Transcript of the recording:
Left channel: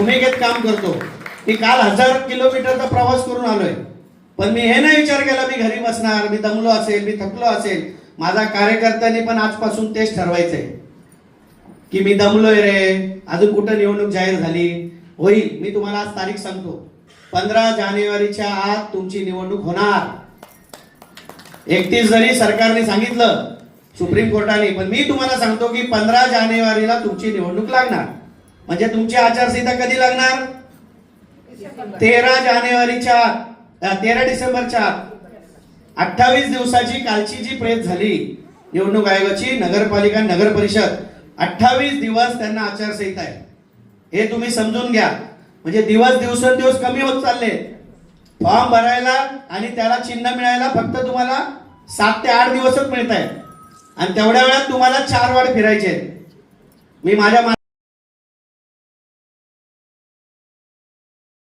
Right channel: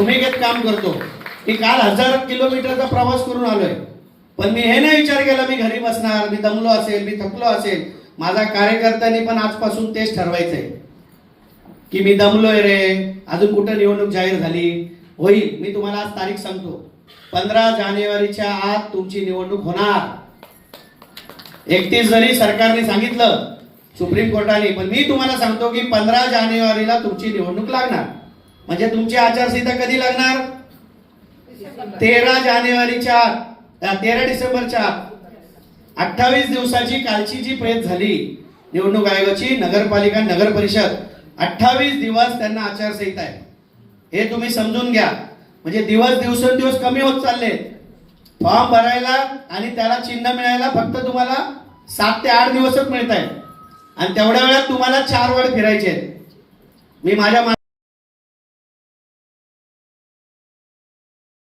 भूमिकेत काम करतो मी काल हजार किलोमीटरचा प्रवास करून आलोय पण मी हे नाही विचार केला मी घरी बसणार मी दमलो असेल मी थकलो असेल माझा कार्यकर्त्यांनी पण आजपासून तेच ठरवायचंय की मी दमलोय रे अजून कुठं निवडणूक जाहीर झाली होईल मी तुम्हाला आज तारीख सांगतो पंधरा जानेवारीच्या आत तुमची निवडणूक होणार एकतीस जरी सरकारने सांगितलं सुप्रीम कोर्टाने पण मी तुम्हाला सांगतो की पंधरा जानेवारीला तुमची निवडणूक लागणार म्हणजे तुमची आचारसंहिता कधी लागणार तेरा जानेवारीच्या तेरा डिसेंबरच्या अठ्ठावीस दिवसाची कालची जी प्रेत झाली निवडणूक आयोगाची नगरपालिका नगर परिषद अठ्ठावीस दिवस त्यांना आचारसंहिता आहे हे तुम्ही समजून घ्या म्हणजे दिवस दिवसेंदिवस कमी होत चालले फॉर्म भरायला आणि त्याला चिन्ह मिळायला फक्त तुम्हाला सात ते आठ दिवसच मिळत आणि तेवढ्या वेळात तुम्हाला चार वेळ फिरायचे मी माझ्या